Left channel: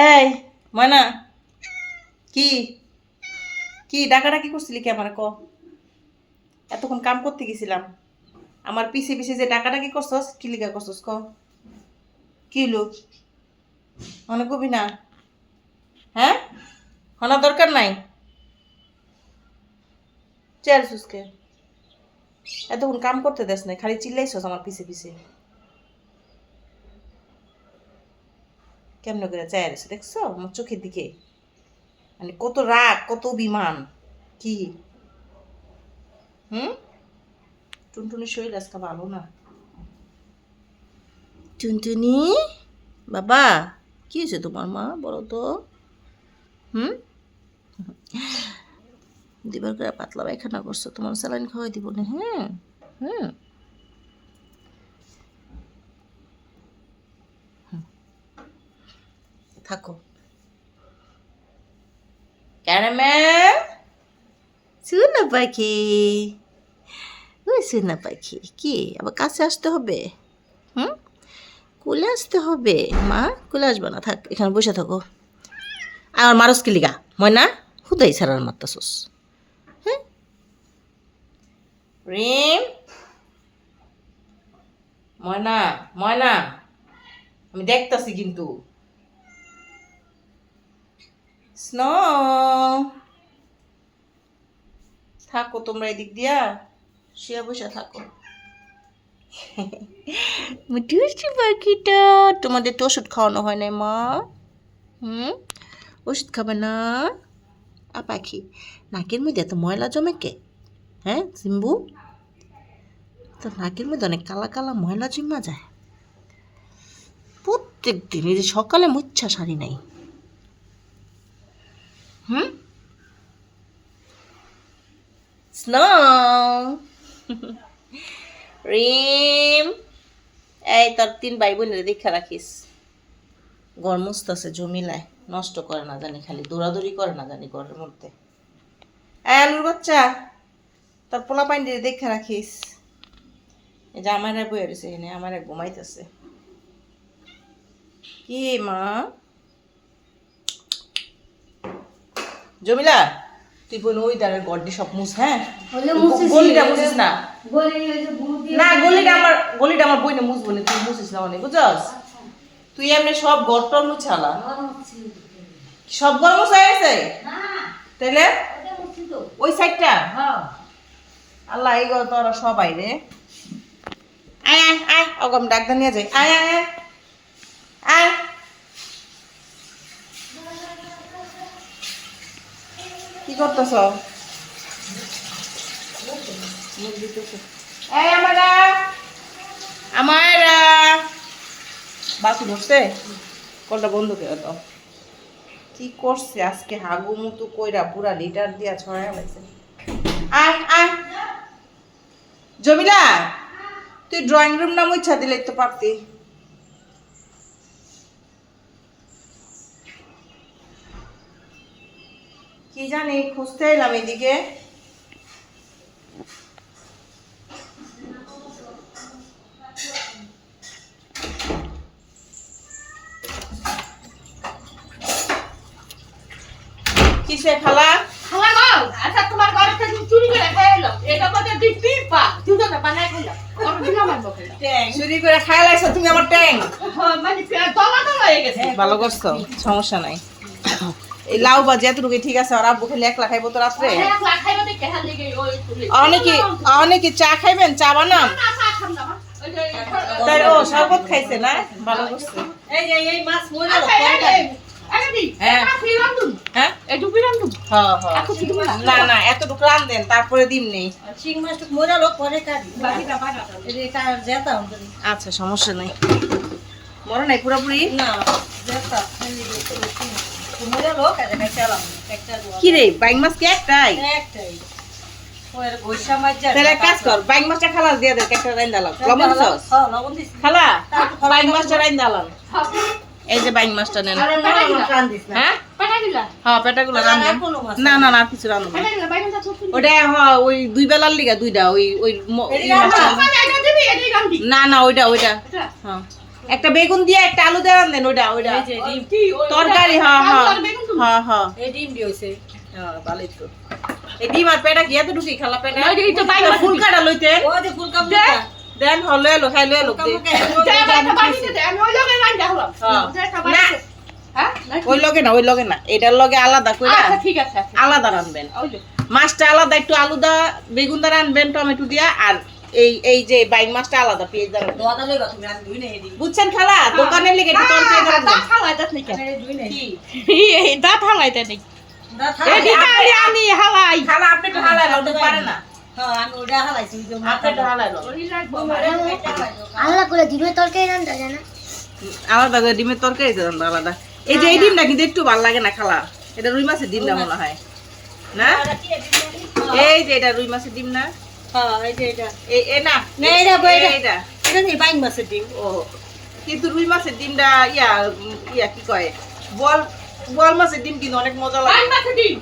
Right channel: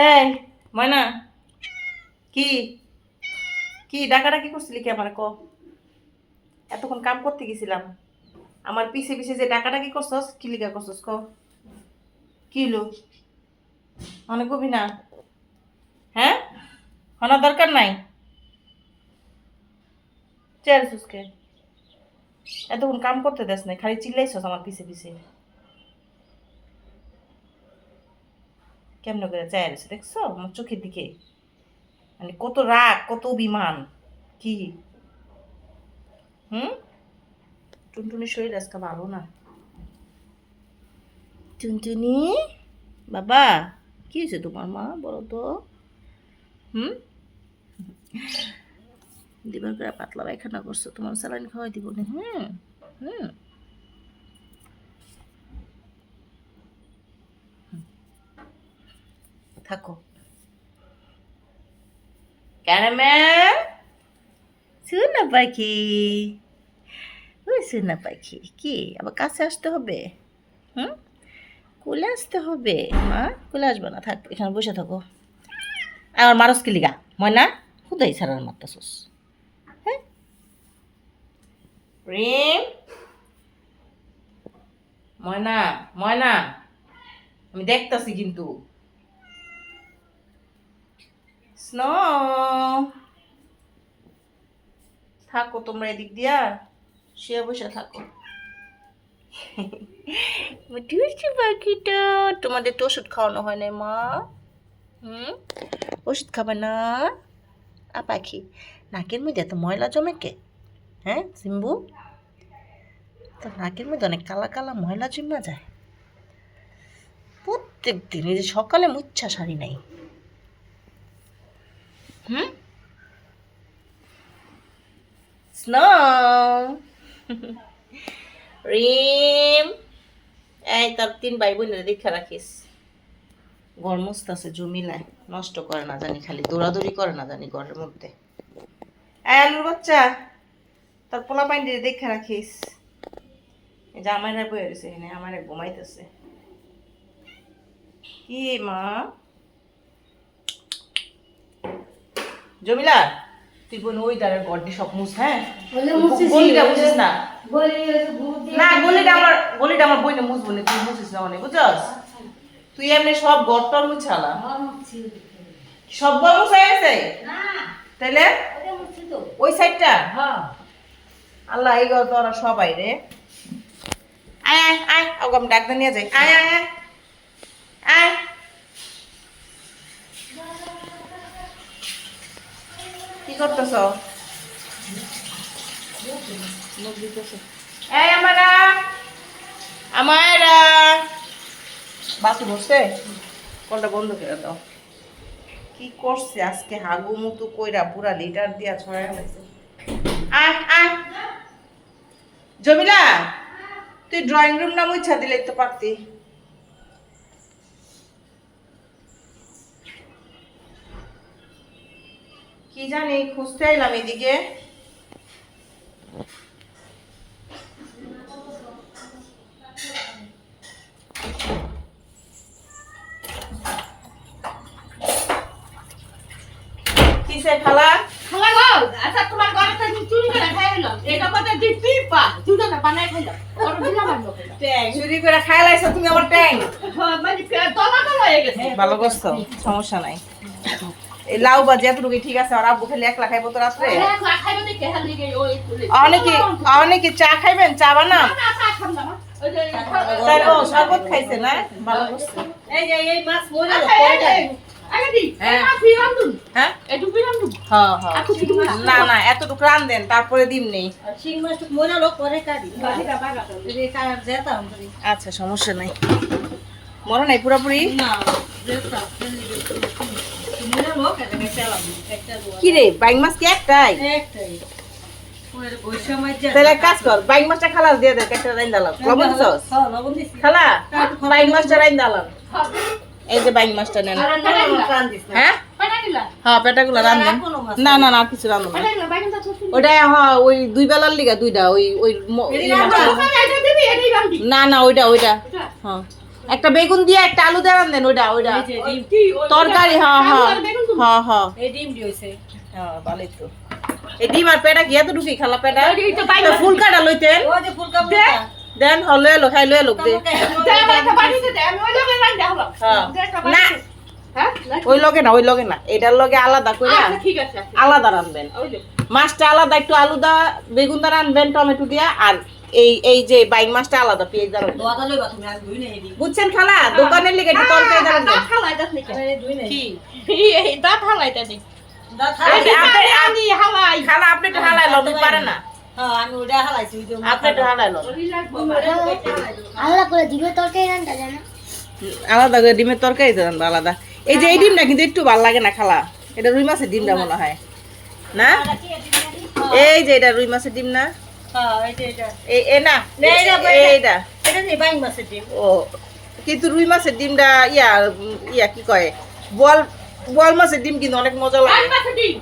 এই ময়না, কি কি ডাকাডাকি করছিলি কি আমার ক? এতক্ষণ কাম করতে গেছিলাম, আমার পিছে পিছে যে ডাকাডাকি করছস কি লিগা করছস ক? কি লোক অনেক কবি না? হ্যাঁ, হনার দরকার নাই। চেয়ার সুসকে এতক্ষণ কাম করতে দেস নাই, খালি চিল্লাইছস আমার পিছে পিছে। কেমন করে চেয়ার এসে দেখছো আমার চোখের দিকে? মানে কত রাগ, কত অভিমান। কি হুম? টুনটুনির শরীর আজকে ভালো না। টুনটুনি বাবা, কি হয়েছে তোমার মা বলো তো? হুম, দিবার করে পাতলা পায়খানা করছো, তোমার স্যালাইন খাওয়াই দিব না। হুম হুম, থাকো। ক্যারামেল, সোনা পাখি, ওই সোনা পাখি, কি আবার কাছে আসতে হবে? হুম, কোলে আসতে হবে। মা কোলে আসবে না, থাক এখানে বসে থাকো। আর মারস কি লিগা ময়না? হুদাই ছাড়ার মারতাছস। হ্যাঁ, রিম, ময়না ময়না, আমি দেখতাছি কিন্তু। স্নো, থাকো তোমরা এদিক দিয়া শুয়ে বসে থাকো। মিঠুরছি পাখিটা, তোমাদের তো ওষুধ খাওয়ানো হয় না মা? হুম, ওষুধ খাবে না? পাখি নাকের মধ্যে এত ময়লা জমে কে? হ্যাঁ সিম্বু, তো নাকের মধ্যে অনেক কালা কালা ময়লা জমা যায় প্রত্যেক দিন। এই যে সকালে মুচ্ছা সারি নাই। হুম, স্নো, রিম, এই তোর 3 ভাই বোনের দেখা রাখিস। ঘর মুছতাছে জমিলায়, নষ্ট করে না জানি, খালি দৌড়াদৌড়ি করে না জানি ঘরের মধ্যে। আলুর বাচ্চা, তোর পোলা পাইন দিয়ে দেখা রাখিস। এই যে আমার বয়ে রয়েছে এখানে, আমার ঘুমাইতেছে। কি মা? জমিলা, তুই বোন ওই দ্বারে গড্ডি সব মুছ। হ্যাঁ, গলিটা মুছিস না। না গলিটা আমার বইনে মুছ বলে তুই মুছিস না অনেক, বুঝছস? তুই এমনি সব ঘর টর মুছালা, সব ঘর মুছা গেছে তাইলে ওই সাইডটা। আল্লাহ এই ঘর তোরা সবাই রে। আয় আয় আয়, ওগম ডাক নিয়ে যাই। আয় আয় আয় আয়, কি করতেছ? মুখ দিতেছ? এই আমারা আমারা বাসু বসছে, কলটা বন্ধ করে দাও। কি করছে আজকে হাগু মুতু কইরা পুরা লিটার দিয়া ছড়াই গেছে। আয় আয় জমিলা, তুই ড্রয়িং রুম না মুছা দিলে তো পারতি। কি জানি খুঁজতে এলাম এদিকে। কিসে খালা? খালা গো, আচ্ছা তোমার ঘরে থেকে চুরি করে খাইলাম। এটা মধ্যে দুই পিপা, দুটোটা বানাই খাইলাম। ওর দিলাম আর বকে। ট্যাং চুরি করে খায় লাইছো তুমি আমার ট্যাং। হ্যাঁ, মানে দলা দলা হয়ে গেছে। ভালো করছো, সমস্যা নাই। এই লাউ বাজে এতটুকু ঠিক আছে, আর আব্বু খালি একলা খাইবো তো রাত্রে। একলা খাইবা দেখে হাল লিগে ওই তুলি। অনেকে চা খাইবেন, চা বানাম। না চা খাম না মা। ওই যে তাই ও শরবত খাইছে না, ভালো করছে। এই যে এই মাছ মরে আগে দি। হ্যাঁ। ফিরাম দুন। হ্যাঁ একটু ফিরাম দুন। হ্যাঁ হ্যাঁ, না না এতটুকু রান দেন তারপরে দিম নেই। শিং মাছ মরে লোক পরে কাটি বাকিটা বাগা। এটা যেতাম আচ্ছা সমস্যা নাই, মনে নাই পুরোপুরি। না যেতাম মরে লোক এটা পেলাম একটা কি রে বাইং মাছ কি একটাই? একটাই ওই গোসা মাছ যা তাহলে এক কাজ কর, বাইং মাছটা খালাস দিয়ে দে, একটা রাইন দালাম লবণ দিছস? হ্যাঁ লবণ দিছি খালা বাইং মাছটা রাইন দালাম। এই যে বাইং মাছটা নেন। আরে না আমার প্রাণ দিস না হ্যাঁ পাটা দিলা। হ্যাঁ পেটাগুলো রান্ধেন। না না না আর কিছু রান্ধব না। পাটা দিলা বাইরে তা ছোট। ওটা হ্যাঁ ওই 2 বেলার লিগা দুইটা ওই ওই ই মাছটা। এটা দিবি এটাই রান্দি। না না ওইটা এটা হ্যাঁ একটা বেগুন দিয়ে একটা আলু দিয়ে রান্ধেন ওইটা ওইটা এই যে ডিম কি ওই তরকারি হ্যাঁ আলু হ্যাঁ আর বেগুন তুমি? হ্যাঁ হ্যাঁ এই ডিম দিয়েছে হ্যাঁ ভালোই তো এই ডিম আর পেটা গিয়ে তো ঢুকি খালা পেটা এই যে এটা বাইরে তো ফুল কাটা লইতেন ও যে ফুলকা দেন হলো এলো খাই লো এলো দে যা একটা বানিয়ে দে আমি ওই লগে রান্না হলাম হ্যাঁ। যা একটা বানিয়ে দে। হ্যাঁ ওই লগে না এটার লগে আলাদা করে আচ্ছা ঠিক আছে আচ্ছা। আলাদা রানবেন ওই যে মাছটা আলাদা একটু আলুদা বেগুন দা রানবেন টমেটো দিয়া আর এই যে বাইং মাছটা আলাদা পেঁয়াজ দা রানবেন দোয়াদা লইবা তুমি আজ দুই নেই দি বুঝছেন খালা দোকানের লিগে একটু তরকারি দা রানবেন দাঁত হালাইতাস নাকি আরে দুই নেই কি এই দাঁত হালাইতা নেই দা এই যে থাক আমি হালাই খালা আপনি একটু হালাই লড়তে পারে না হ্যাঁ আমি ওটা হালাইছি ওই যে আপনি একটু হালাই লো ওই লাগবো আলাদা করে ডিমের তরকারি রান্না জানা আলাদা করে ডিমের তরকারি তো রান্না আলাদা এই যে এই ডিমটা কিন্তু একটু ভালো লাগে না খালা এটা রুই মাছের ডিমটা মনে হয় না এই যে এটা রুই মাছের ডিম না হ্যাঁ এই যে এটা এই না না, এটা এইটা এটা যে বাইং মাছের ডিম ও কিন্তু রুই মাছের ডিমটা ইয়া কি কয় বল বল মাছের ডিম কিন্তু অনেক মজা বাইং লাগে মাছ দিই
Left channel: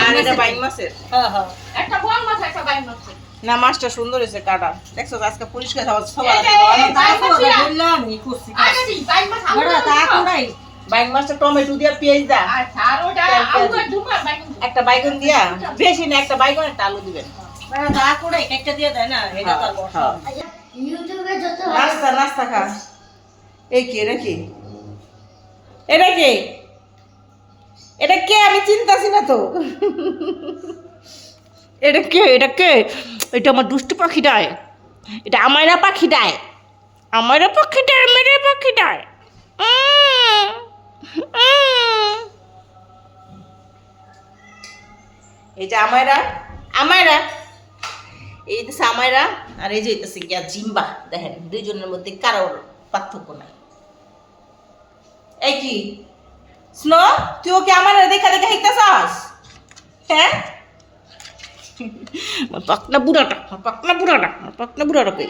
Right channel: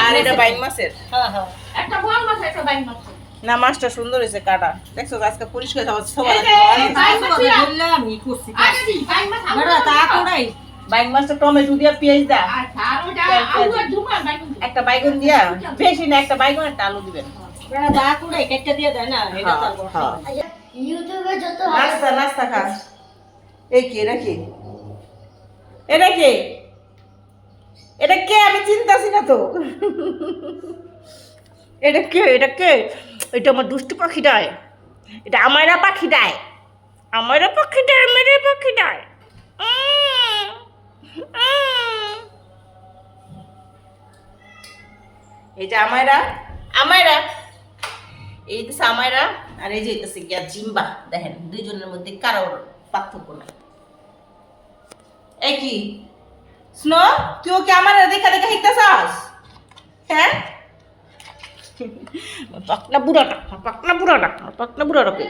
আর এটা বাইং মাছের হ্যাঁ হ্যাঁ একটা বড় মাছ একটা বাইং মাছ না মাছটা সুন্দর হয়েছে কাটা দেখছো আজকে পরিষ্কার সবাই এই যে, এই বাইং মাছ ছিল। বললাম আমি করছি আগে দিই বাইং মাছ বড় তা কোড়াই বাইং মাছটা টমেটো দিয়া পেঁয়াজ দা আচ্ছা আর ওটা আলু আর ঢুকার বাইং একটা বাইগন দিয়া বেশি না একটা বাইগন একটা আলু দিবেন বড় তা কোড়াই একটা দিয়ে দেয় না এটা হ্যাঁ তো হ্যাঁ ইউটিউবে যত নাস্তা নাস্তা খা এই কি এটা কি এটা কি এটা কে আমি চিন্তাছি না তো এটা কে এটা আমার দুষ্টু পাখিটায় এটা আমারা পাখিটায় আমারা পাখিটায় মেরে পাখিটায় এই যে আমারা এই যে আমারা আর এই যে হইতেছে গিয়া জিম্বা দেখেন দুইজনের মধ্যে কারোর পার্থক্য নাই এই কি স্নো তুই ওকে আমার দেখা দেখা হিকতাছস হ্যাঁ পাকনা বুড়াটা কই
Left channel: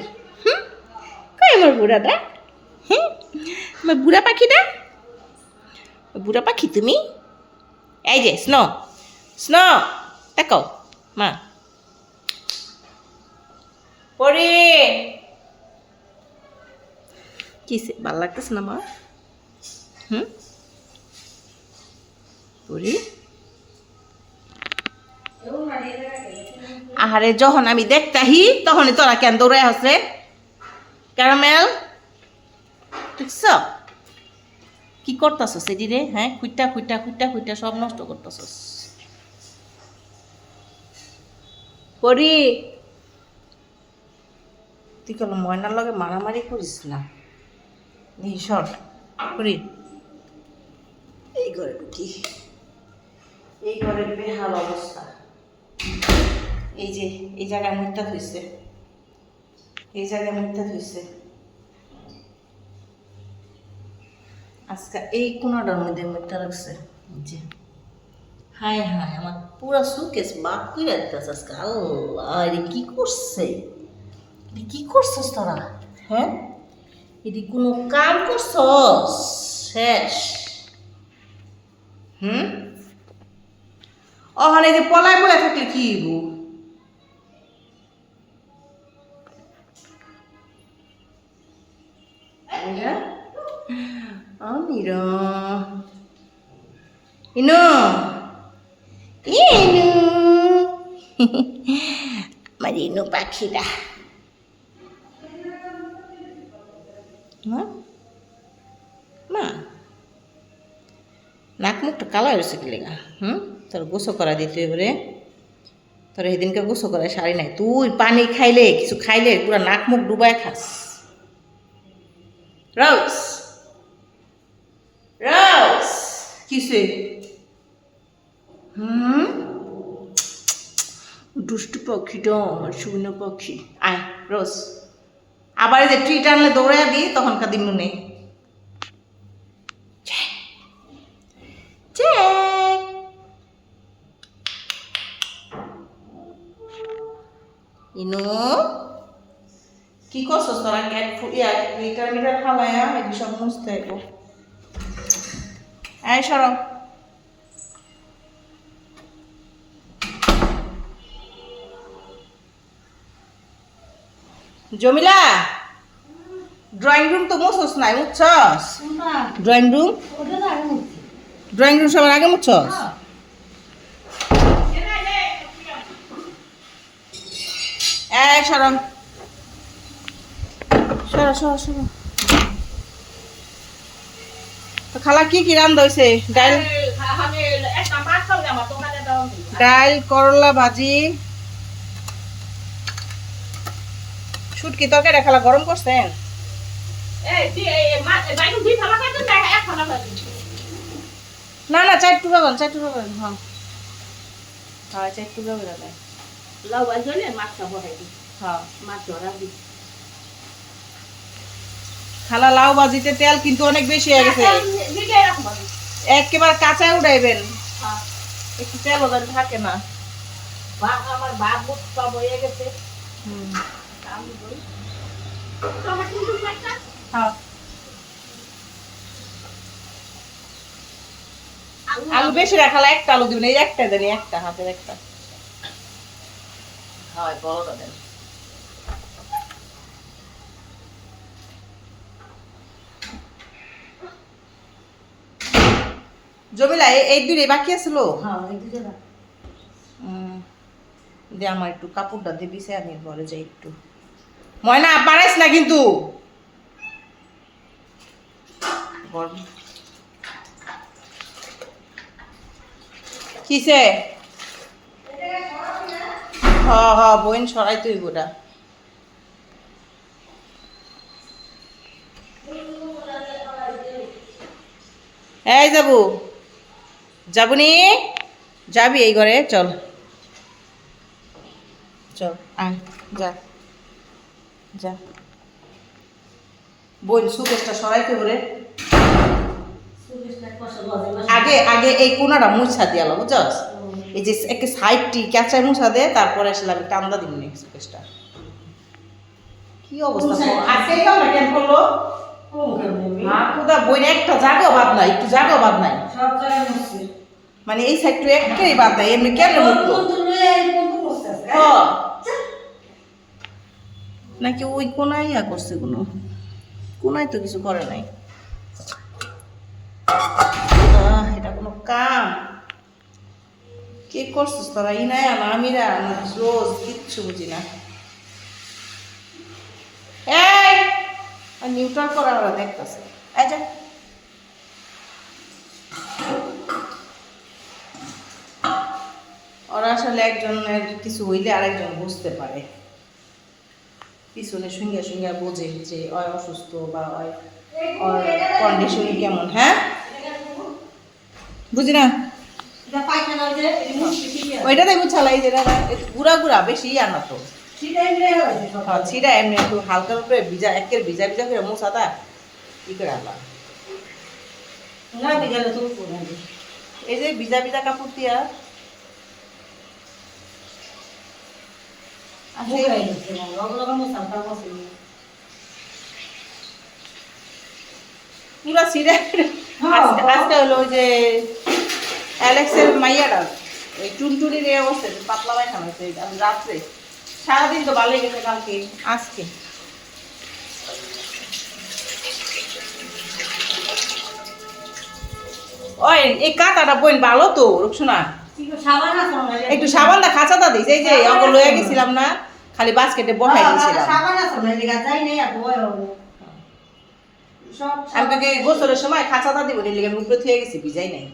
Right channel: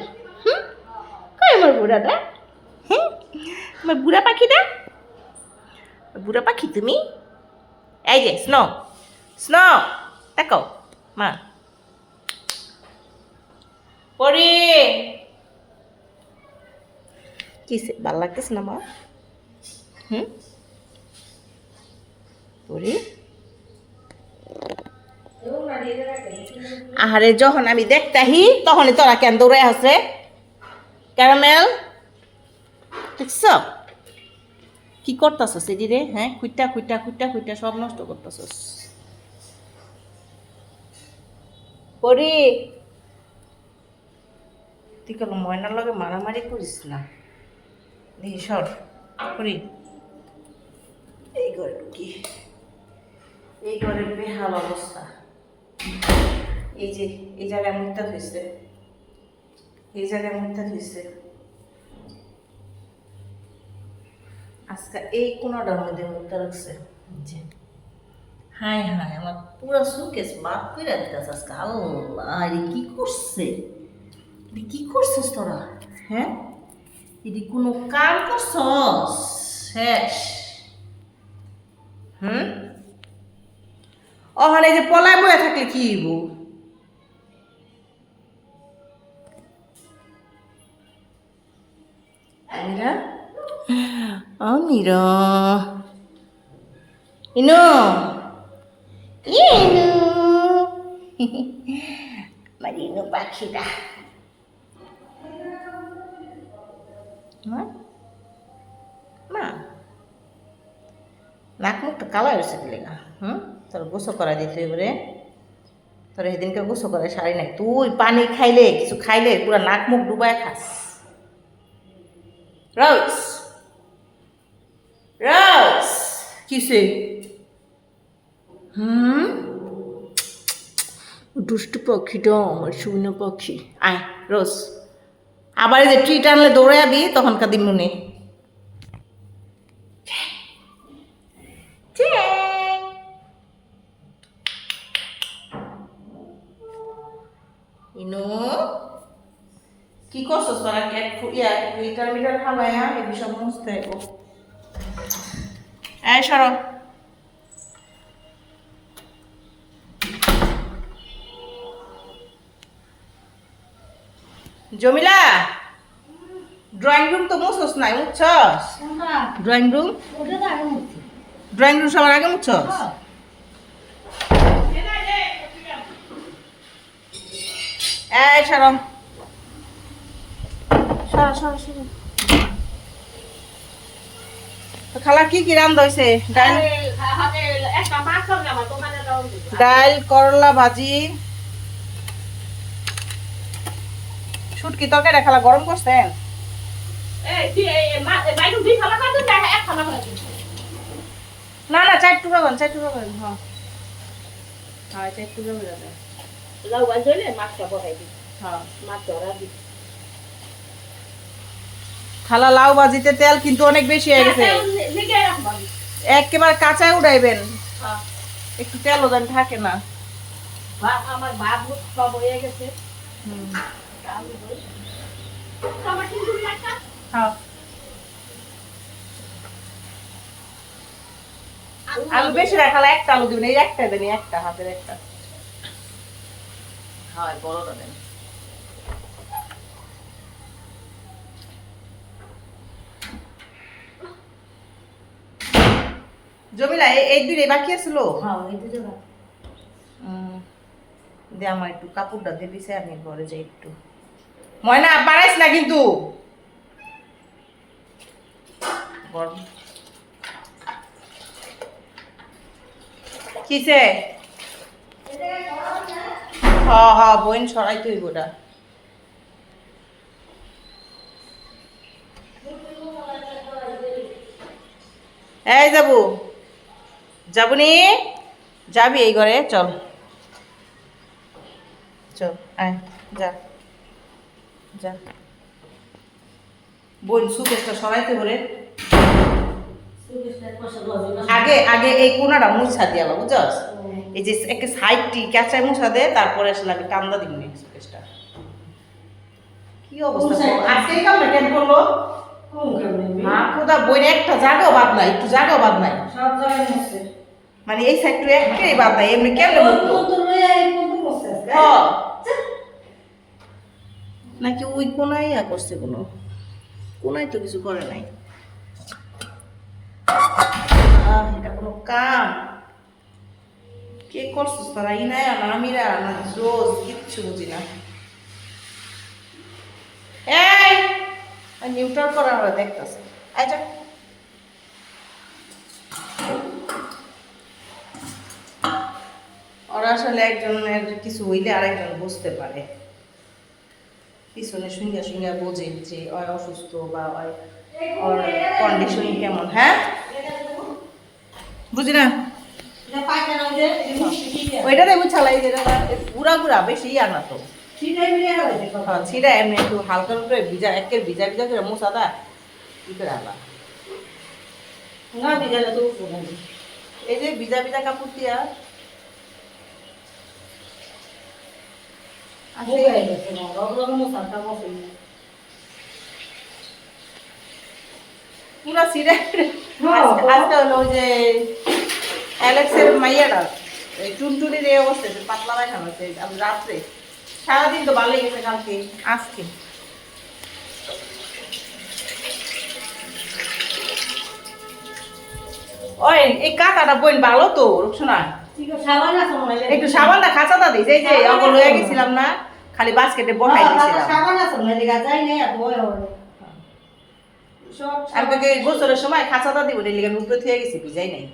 কই আমার বুড়াটা আমার বুড়া পাখিটা বুড়া পাখি তুমি এই যে স্নো দেখো মা পরে কিসে ভাল লাগতেছে না মা পরে আহারে যখন আমি দেখতাহি তখনই তোরা কেন দৌড়াই হসে ক্যারামেল দেখছ কি করতেছস এটি রে হ্যাঁ খুঁটটা সব নষ্ট করতেছস পরি তুই কেন ময়নার লগে মারামারি করিস না দেখি সর করি এই ঘরে ঢুকি এই ঘরের বেহাল অবস্থা এই যে এই জায়গায় মুখটা ধুইছে আজকে এই কোনাটার মধ্যে মুখটা রাখছে যে হাই আমার পুরো সুকেস বাদ করে দিতেছে আজকে আল্লাহ রে কি করছস তোরা হ্যাঁ এটি কোনো কাম করছস শেষ ওখানে যে পলায় বয়ে থাকলে কি হইব আমিরা ইনো আমার ইনু পাখিটা মা নাক মুখটা কালা হয়েছে কি লেগা তোর গোসল করা দিতে এবারে তোর সেদিনকে গোসল করা শাড়ি নাই তুই পানি খাইলে কিছু খাইলে পুরো নাক মুখ ডুবায় খাস রোজ কিসে দুষ্টু পাখিটা আমার শুকনো পাখি আয় রোজ আবার যে ট্রি টানলে দৌড়াবি তখনকার দিন মনে ইনো কি করছস তোরা ক্যাট লিটার মিটার খালায়া এই সব মুছতে হইব এই সরো জমিলা ড্রয়িং রুম তো মুছস নাই, মুছছস? কোনটা? ড্রয়িং রুম, ওটা তো আগে মুখছি। ড্রয়িং রুম সবার আগে মুছছস? এই সরম, সরো সরো সরো। তো খালা কি কি রান্না হয়েছে? ডাল, একটা মাছ হবে আমার দোকানে দাও দিই। ডাল, করলা ভাজি, শুটকি তরকারি খালা গরম করছেন? এই মাছ বাইরে দুই ফালা খাইতে চাই এক ফালা খাইতে। না না, 4 টুকরা করেন, 4 টুকরা করেন। হ্যাঁ হ্যাঁ, 4 টুকরা করে দেন। লাউ বাজলে মাছটা বসাই দিই। হ্যাঁ মাছ ধরা দিই। খালা লাউ ভাজিতে তেল কিন্তু অনেক বেশি হয়ে গেছে, দিকে রাখবা। একেবারে কাঁচা উড়াইবেন, হ্যাঁ। একটু তেল ওজন থাকে না। বাপ আমার বাপ সব হয়ে গেছে। হুম আমি বলি আমার কিন্তু একটা হ্যাঁ, আলু বেশি রাখালা, একটা আলু দিবেন, এই একটা দেন, একটা হাতের একটা। হ্যাঁ বড়টা দেন। জমিলা এই দুই বাকি আছিল। হ্যাঁ, এই দুটো দাও। দে আমার একটু কাপড়টা দিয়ে দিছে, আমি ঘরে যাই একটু। ময়না পারাইস না কিন্তু গরম। কিসে? হ্যাঁ হ্যাঁ, বইন সরাই তুই গোটা। এই যাবো, যাবনি? যাবি এই ঘরে? চল চল, আয়, যা যা। বোন সুকেশটা সরাইতে বলে সুকেশটা কষা লজে মাছ। আগে আগে এই কোনাটা মুছা দিয়া লো, বুঝছস? এই যে একটা সাইডটি ক্যাচায় মুছা দে, তারপরে আসলে আমি টান্দা দিবনি সুকেশটা। কি অবস্থা আজকে এই কামটা কেন করলো? কম খাবে। হ্যাঁ খুদা, বইন একটা জায়গাও বাদ নাই, একটু জায়গাও বাদ নাই, সব জায়গায় মুছছে। মানে এই সাইডটা একটাই বাদ নাই, এমনি কেন মুছলো? হ্যাঁ। নাকি ওই কোনায় ইয়া করছে, কোনো কোনায় তো কিছু করে নাই। এটা কোনো কাম? কে করছিস তোরা? ইনায়া না আমিরা না রোজ? কিচ্ছু বুঝি না। এই নিউট্রাল করা ওরা দেখতেছে। আচ্ছা ওরা আসলে একজনের কিছু হইলে আরেকজন বুঝতে পারে, পিছনে সঙ্গে সঙ্গে বোঝে যে ওই অসুস্থ বা ওই ওর কন্ডিশন কেমন। হ্যাঁ বুঝি না, এটা পায়খানা হইছে, এটা মুছছে কি দিয়ে? ওইটাতে বুঝালাই যেটা গুড়া গুড়া বেশি ইয়া না তো। ছিটাই মিলে হইছে সব। হ্যাঁ ছিটা এমনি একটু হালকা উপরে ভিজা, একের ভিজা ভিজা করে মোছাটা ই করে আলা। না বিজালে তো উপরে। এই যে ভিজা ভিজা কাপড় দিয়া মুখ হয়ে গেছে, ওগুলো মুছাটা বসে। পুরা ছিটা। আজকে হলো ওই যে অ্যালেক্সের মাইয়াটা এই টুনটুনির এই অবস্থা, পাতলা পায়খানা হচ্ছে রাত্রে, সারাদিন তো ভালোই গেছে, কালকে আজকে ওই এই কাঁটাটা বইন ভালো তো রুকসোনা, সাবান আছে মনে হয়। একটু সাবানটা খাঁচাটা দিস, এই যে অঙ্গ লইয়া গেছিলাম না, খালি বাস্কেটে বসাই দিয়েছিলাম। সাবান আছে মনে হয়, লিগা যাই নাই এত বড় হবে। সব আমি তোকে গোসলের সময় খাঁচাটা দিব, লিগে আমি উপরে থুয়ে গেছি, ভিজাই নাই।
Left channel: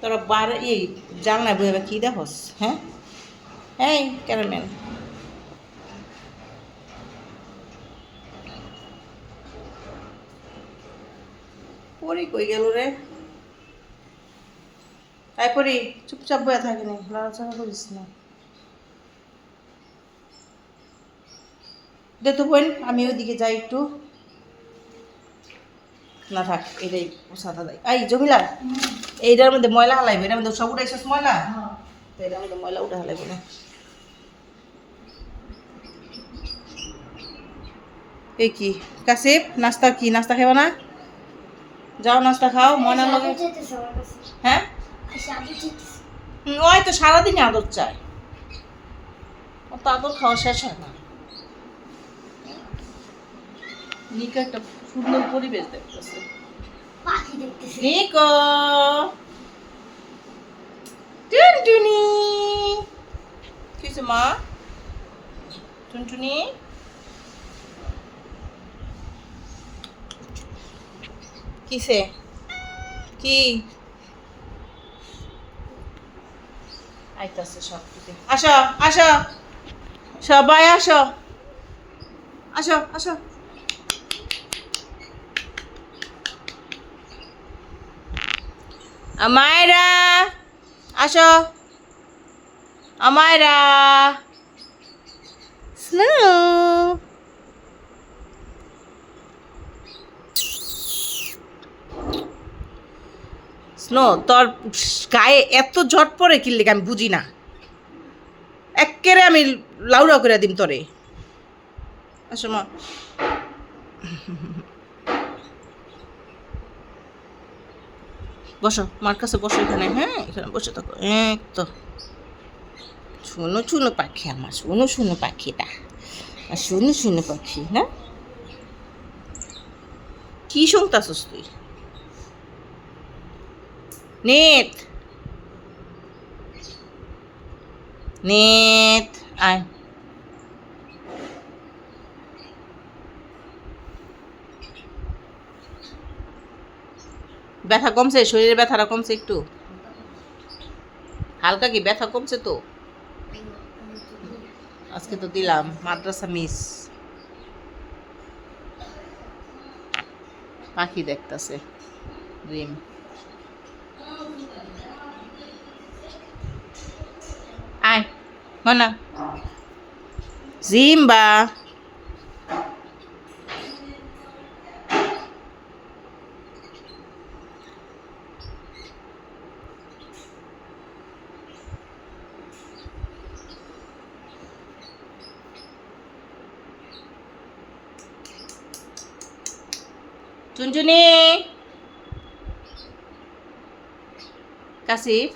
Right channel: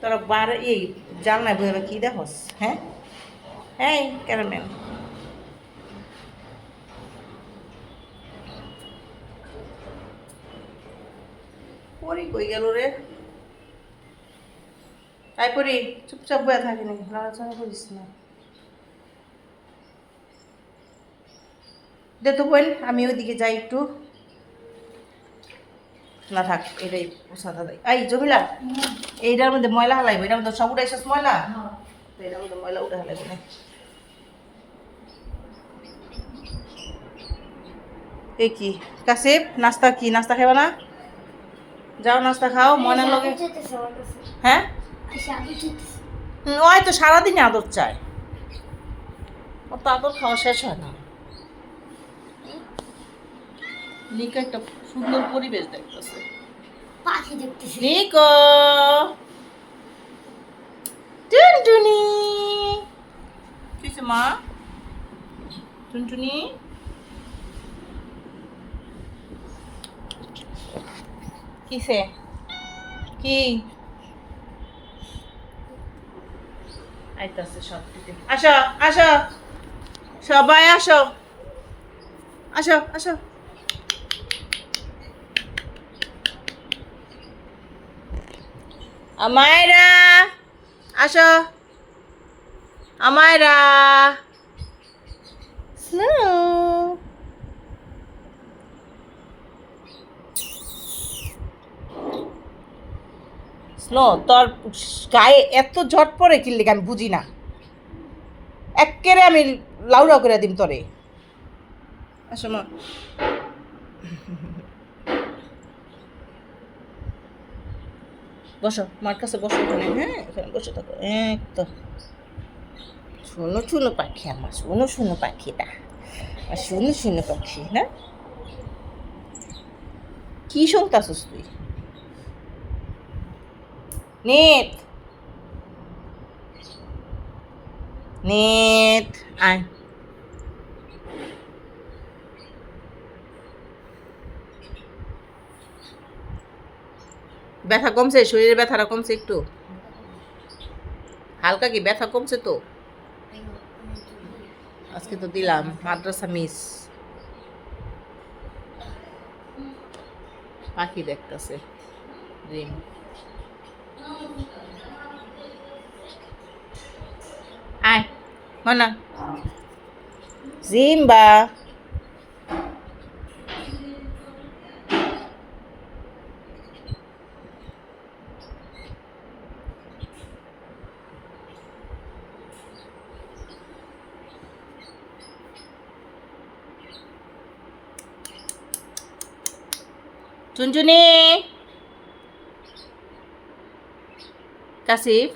তোরা বার এই জানলায় বইবে কি দেখোস? হ্যাঁ এই ক্যারামেল পরি কই গেল রে? তাই পরি চুপচাপ বয়ে থাকিনি, লড়াচড়া করিস না। দে তো বোন, আমি ওইদিকে যাই একটু। না থাক, এটাই সাদা দেয়। এই জমিলা, এইটার মধ্যে ময়লা হালাইবে, এটার মধ্যে সব উঠাইছিস ময়লা, তো এটার মধ্যে ময়লা উঠে হালাইবে না। এই কি কাসিফ, নাস্তা কি? নাস্তা খাবে না? যাও নাস্তা খাও, ময়নার লগে। হ্যাঁ ওই তো সারাদিন আদর চায়, ওর তো আদর খাওয়া শেষ হয় না। নিকো একটা সুন্দর পরিবেশ দেখতেছে। পাখি দেখতেছি। নিকো টুনটুনি কিসে মা? টুনটুনি কিসে কি আইতাছে সব দিতে। আসো আসো সবাই আসো আসো আসো। আমায়রা আসো আমায়রা স্নো স্নো তোর গায়ে এত জট পড়ে কি লেগে আমি বুঝি না। একেবারে আমি লাউড়া করে দিম তোরে। আসো মা বসো মার কাছে বসো এখানে। হ্যাঁ এখানে বসে থাকো। এক তো শোনো শোনো পাখি আমার, শোনো শোনো পাখিটা, শোনো শোনো পাখি। হ্যাঁ কি শুনতাছস তুই? নেট নেট আয়। ব্যথা কমছে? শরীরে ব্যথাটা কমছে একটু? হালকা কি ব্যথা কমছে তো? আজকে তো দিলাম মাদ্রাসা মিস। পাখি দেখতেছে রিম। আয় মনা জিম্বা টুনটুনি কাশিফ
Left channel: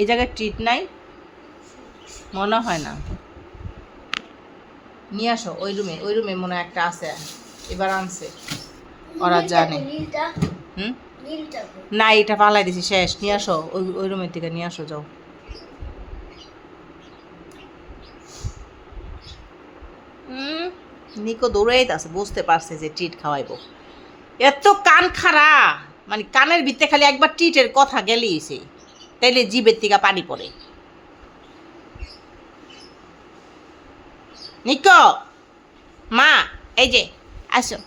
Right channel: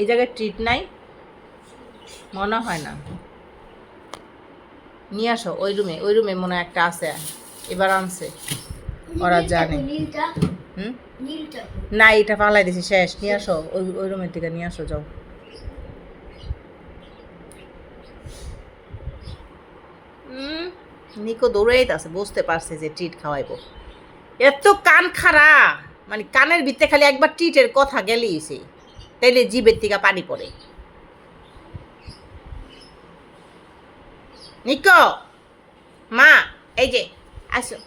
এই জায়গায় ট্রিট নাই মনে হয় না। নিয়ে আসো ওই রুমে মনে হয় একটা আছে, এবার আনছে ওরা জানে। হুম না এটা পালাই দিছি শেষ। নিয়ে আসো ওই রুমের থেকে নিয়ে আসো যাও। নিকো দৌড়াইতে আছে, বুঝতে পারছে যে ট্রিট খাওয়াইবো। এত কান খারা, মানে কানের ভিতরে খালি একবার ট্রিটের কথা গেলেই সে তাইলে জিভের থেকে পানি পড়ে। নিকো মা এই যে আসো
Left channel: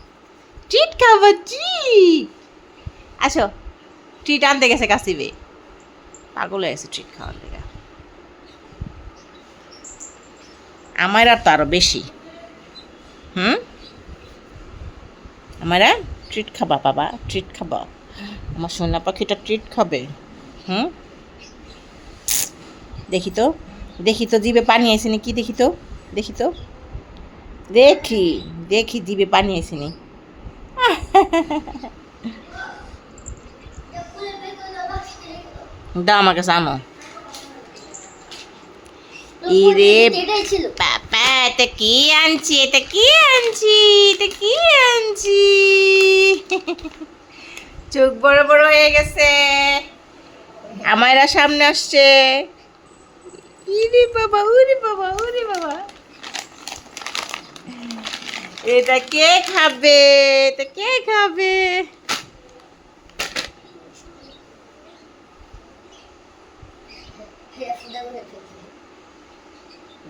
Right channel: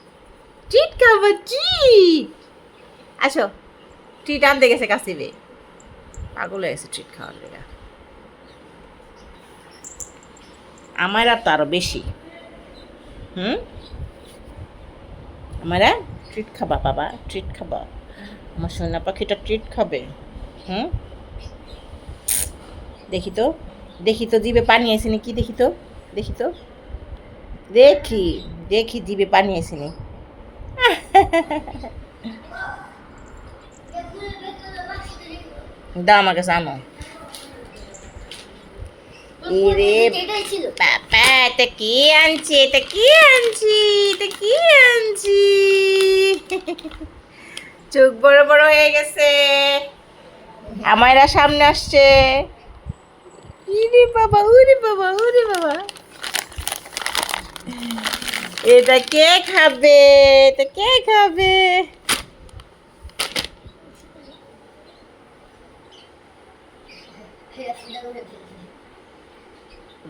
ট্রিট খাবো ট্রিট। আসো ট্রিট আনতে গেছে কাশিবে, পাগল হয়ে গেছে ট্রিট খাওয়ার লেগা। আমার আর তো আরো বেশি। আমার ট্রিট খাবা বাবা, ট্রিট খাবা আমার সোনা পাখিটা, ট্রিট খাবে। দেখি তো জিভে পানি আইসেনি কি? দেখি তো দেখি জিভে পানি আইসেনি। দাও আমার কাছে আনো। এরে বাবা এটা কি আনছি, চোখ বড় বড় হয়ে গেছে। আমারা সামনে আসছে। ইরে বাবা উরে বাবা এটা কে খাবে?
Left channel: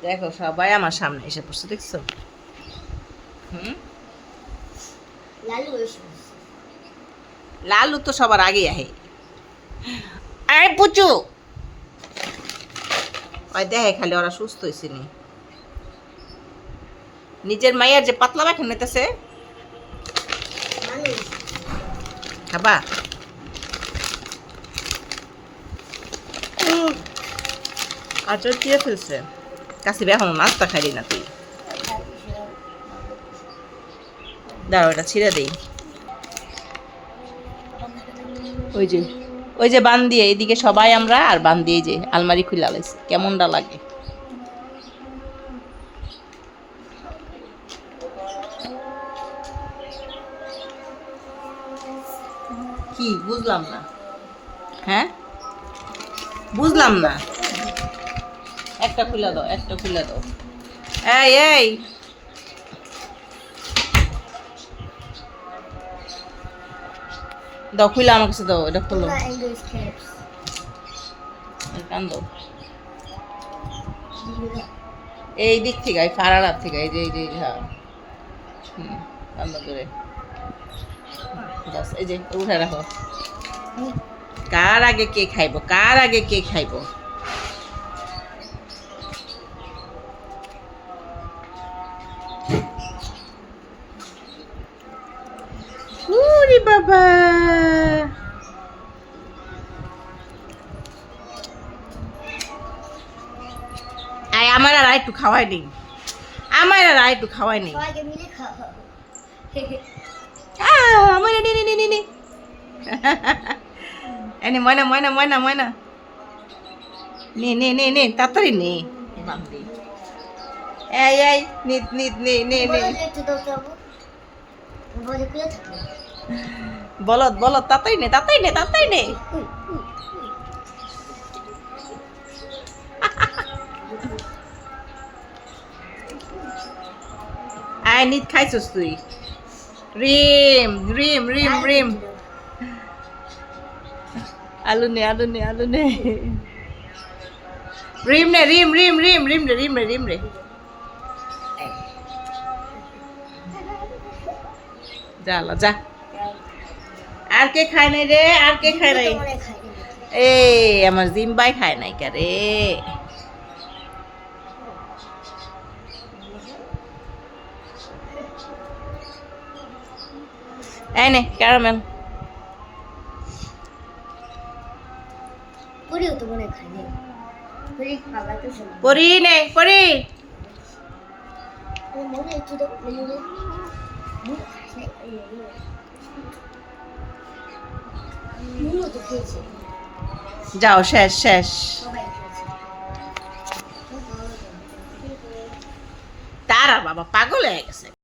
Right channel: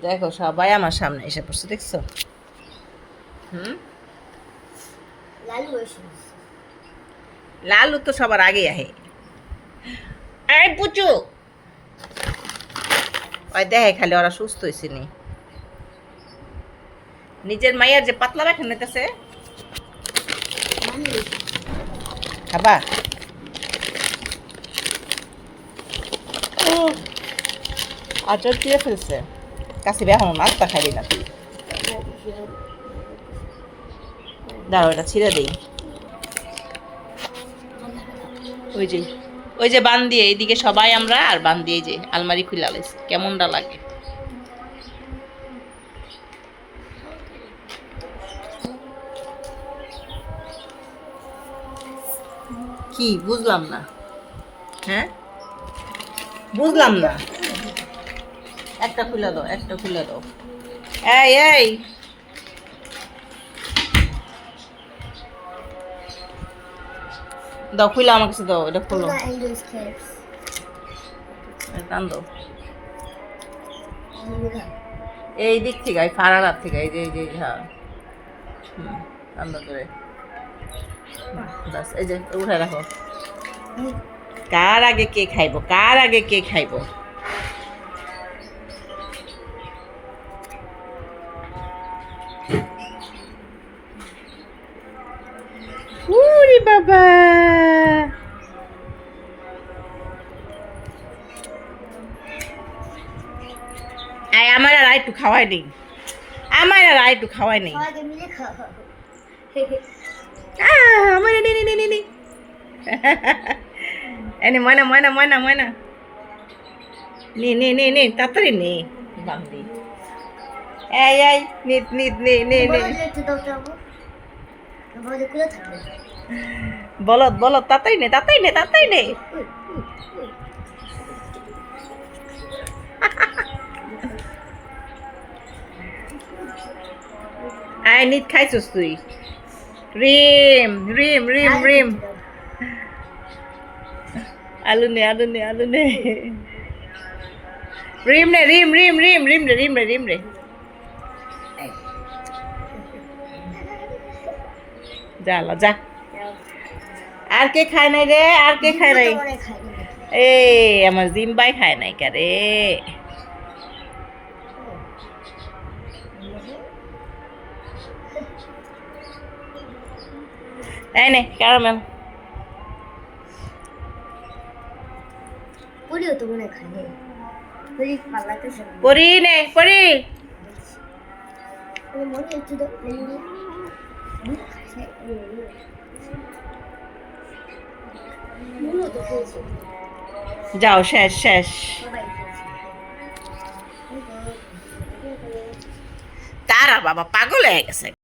দেখো সবাই আমার সামনে এসে পড়ছে, দেখছো? লালু তো সবার আগে আহে। আরে পুচু ওই দেখে খালি ওরা সুস্থ হয়েছে নি। নিজের মাইয়ার যে পাতলা বাখা নিতেছে খাবা। আচ্ছা চিড়ে ফেলছে কাছে এখন নাস্তা খাইলি না তুই। দাঁড়াও এটা ছিঁড়ে দেই। ওই যে বান দিয়ে এইদিকে সবাই আমরা, আর বান দিয়ে যে আলমারি খুলে আলাইছে কেমনটা লাগে। কি বুঝলাম না, হ্যাঁ বুঝলাম না। একটা খুলে দাও, একটা খুলে দাও। এই এই দাও, খুলে আমার কাছে দাও, এটা খুলো, টান দাও। এই দিক থেকে, এই ফাড়ার থেকে, এই যে এই যে হ্যাঁ, টান দাও করে। বাস, এই যে উঠাই রাখো। কার আগে কে খাইবো, কার আগে কে খাইবো? উরি বাবা, আয় আমার আর একটু খাওয়াই নেই, আমার আর একটু খাওয়াই নেই। সবাইকে মিলে খাওয়া। আমার নে নে নে নে নে এনে ময়না ময়না ময়না ময়না, নে নে নে নে তাড়াতাড়ি নে বান্দি। এই এই নিত নিত নে নে নে। বলত বলত, তাড়াতাড়ি নে তাড়াতাড়ি নে তাড়াতাড়ি নে। আয় নিত খাইছস তুই? রিম রিম রিম রিম, আলু নে আলু নে আলু নে, রিম নে রিম রিম রিম রিম রে রিম রে রিম রে। যা লা যা। আর কে খায় নাই রে, আর কে খায় নাই? এই আমার জিম্বাই খায় নাই কে রে? এই নে ক্যারামেল। পুরিও তো মনে খাইনি, পুরি পালাতে সব পরি নে পরি। মনে একটু তো মনে তো খেয়েছে, যাও শেষ শেষ। সবাই খেয়েছে। তারা বাবা পাগল হয়ে গেছে।